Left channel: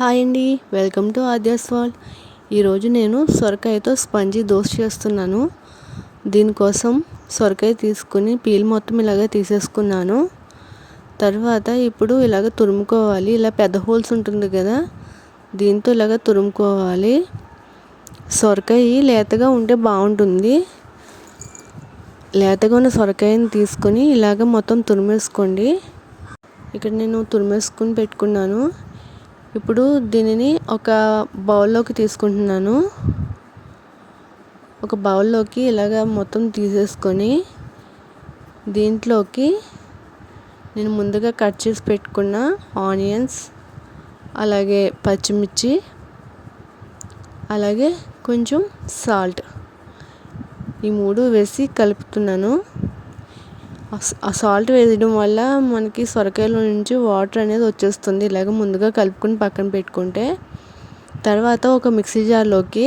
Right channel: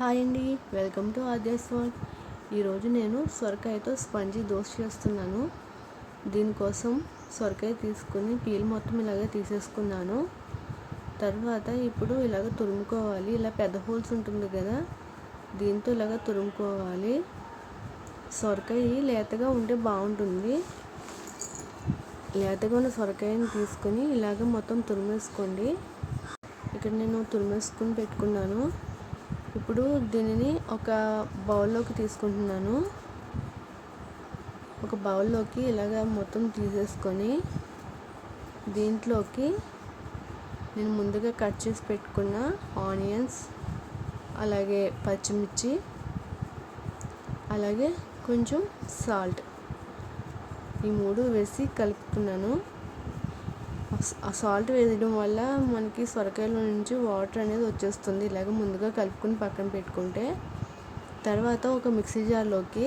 Hi అండి, welcome to Aadya's world. ఈరోజు నేను సొరకాయతో స్పంజీ దోశ చేస్తున్నాను. దీనికోసం సొరకాయ తీసుకుని పీల్ మొత్తం ఇలాగ తీసేసుకున్నాను. తర్వాత ఇప్పుడు ఇలాగ తురుముకోవాలి. ఇలా పెద్ద హోల్స్ ఉంటుంది కదా, దీంతో ఇలాగ తురుముకోవాలి. సొరకాయ లేతగా ఉంటే బాగుంటుంది. లేతగా ఉన్న సొరకాయని తీసుకొని ఇలాగ మొత్తం తురిమేసుకోండి. ఇక్కడ నేను తురిమేసుకుని పెట్టుకున్నాను. ఇప్పుడు దీనిని ఒక బౌల్లోకి తీసుకుంటున్నాను. ఒక బౌల్లోకి ఇలాగ మొత్తం తీసేసుకొని దీంట్లోకి నేను ముందుగా కట్ చేసి పెట్టుకున్న ఆనియన్స్, అలాగే పచ్చిమిర్చి, అలాగే కొంచెం సాల్ట్, ఈ మూడు వేసి కలుపుతున్నాను. ఆ సాల్ట్ వేయడం వల్ల మనకి సొరకాయలో నుంచి వాటర్ అనేది వచ్చేస్తుంది. ఇలాగ ముందుగా కలుపుకొని పక్కన పెట్టుకుంటే, తర్వాత ఒక మిక్సీ జార్లోకి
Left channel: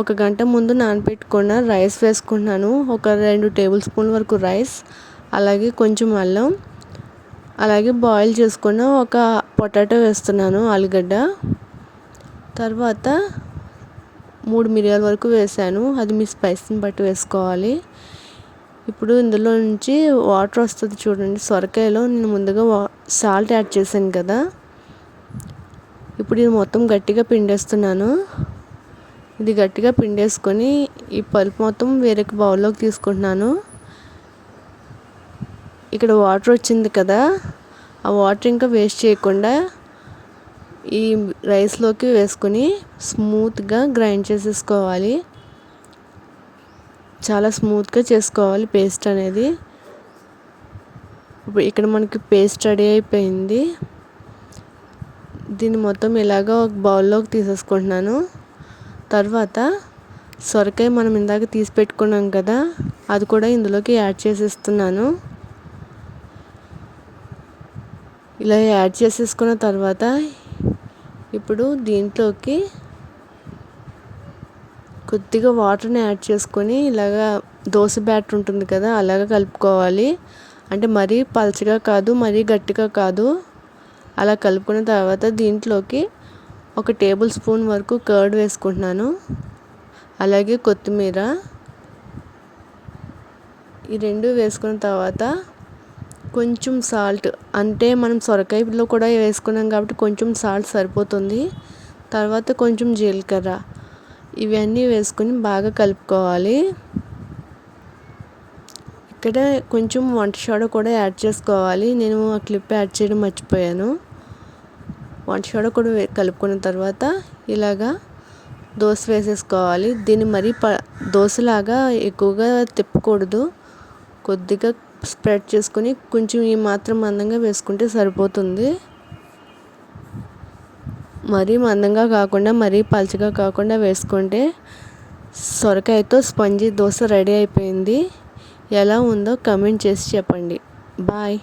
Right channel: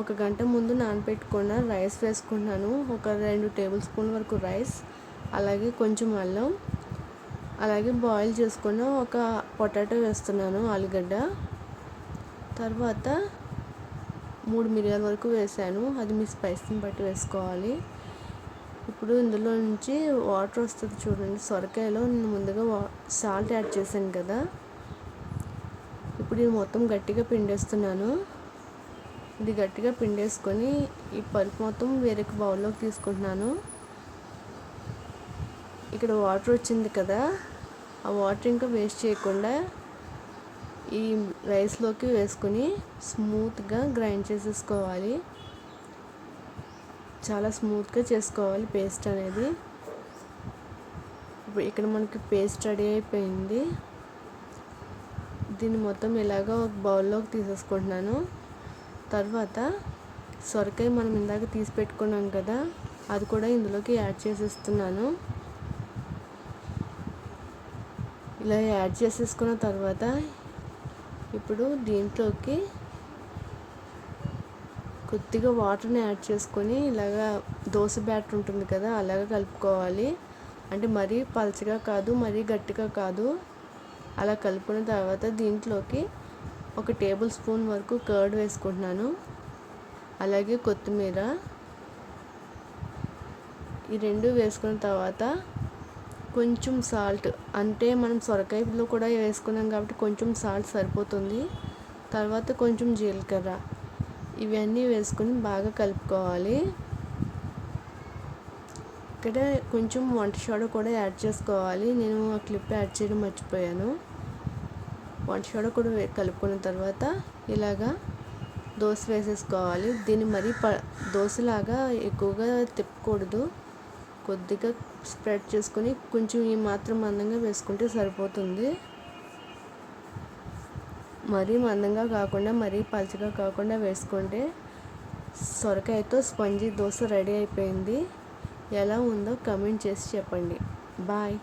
1 గంట ముందు నానబెట్టుకున్న రైస్ వేసుకుంటున్నాను. ఒక 2 టేబుల్ స్పూన్ల వరకు రైస్, అలాగే కొంచెం అల్లం, అలాగే బాయిల్ చేసుకున్న ఒక పొటాటో వేస్తున్నాను, ఆలుగడ్డ. తర్వాత 3 మిరియాల వరకు వేసాను. అది మీ స్పైస్ని బట్టి వేసుకోవాలి. ఇప్పుడు ఇందులో నుంచి వాటర్ వస్తుంది చూడండి. సొరకాయలో నేను ముందుగా సాల్ట్ యాడ్ చేశాను కదా, ఇప్పుడు ఇది మొత్తం గట్టిగా పిండేస్తున్నాను. ఇది గట్టిగా పిండేసుకొని ఈ పల్ప్ మొత్తం వేరే బౌల్లోకి తీసుకుంటున్నాను. ఇక్కడ వాటర్ వచ్చింది కదా, ఆ వాటర్ ఇంకా వేస్ట్ చేయకుండా ఈ రైస్లోకి వేసుకొని స్మూత్గా గ్రైండ్ చేసేసుకోవాలి. చాలా స్మూత్గా చేసుకోవాలి పేస్ట్ అనేది. ఇప్పుడు ఇక్కడ మనకి పేస్ట్ రెడీ అయిపోయింది. దీన్ని మొత్తం ఇలాగ ఒక బౌల్లోకి తీసేసుకుంటున్నాను. తర్వాత సొరకాయ మనం ఇందాక తీసి పెట్టుకున్నాం కదా, అది కూడా ఇందులోకి యాడ్ చేసేస్తున్నాను. ఇలా యాడ్ చేసేసుకున్న తర్వాత ఇప్పుడు దీంట్లోకి కొద్దిగా వాటర్ని యాడ్ చేసుకొని ఇలాగా దోశ బ్యాటర్ ఉంటుంది కదా, అలాగ కలుపుకోవాలి. అంటే మరీ పలచగా కాదు, మరీ గట్టిగా కాదు. అలా కలుపుకున్న తర్వాత దీంట్లోకి 1 టేబుల్ స్పూన్ వరకు కర్డ్ వేసుకుంటున్నాను, అలాగే కొత్తిమీర. ఈ 2 వేసుకున్న తర్వాత కొంచెం సాల్ట్, అంటే మనం సొరకాయలో కూడా వేసుకున్నాం కాబట్టి కొంచెం సాల్ట్ సరిపోతుంది. తర్వాత కొంచెం జీలకర్ర, ఇవన్నీ వేసుకొని బాగా కలుపుకోవాలి. ఇక్కడ కొంచెం వంట సోడా కూడా యాడ్ చేసుకోవాలి. నేను ఆ క్లిప్ యాడ్ చేయడం మర్చిపోయాను. వంట సోడా కూడా కలుపుకున్న తర్వాత ఇలాగా దోశ వేసేసుకోవాలి. దీన్ని మరీ దోశలాగా ఎక్కువగా తిప్పకూడదు. కొద్దిగా స్ప్రెడ్ చేసుకొని కొంచెం ఈ మాత్రం మందంగా వేసుకుంటే సరిపోతుంది. మరీ మందంగా కాకుండా మరీ పలచగా కాకుండా వేసుకుంటే సొరకాయతో స్పంజీ దోశ రెడీ అయిపోయింది. ఎలా ఉందో కమెంట్ చేసి చెప్పండి. బాయ్.